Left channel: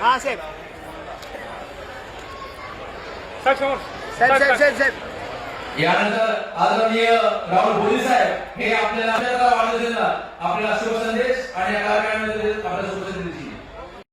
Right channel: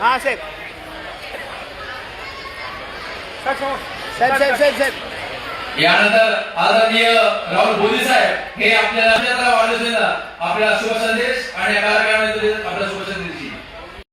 हाँ sir sir sir sir sir यानंतर आदरणीय राहुल बोधी साहेब हे आपल्याला वाढदिवसाला आपला शुभ संदेश आणि या कार्यक्रमामध्ये आपलं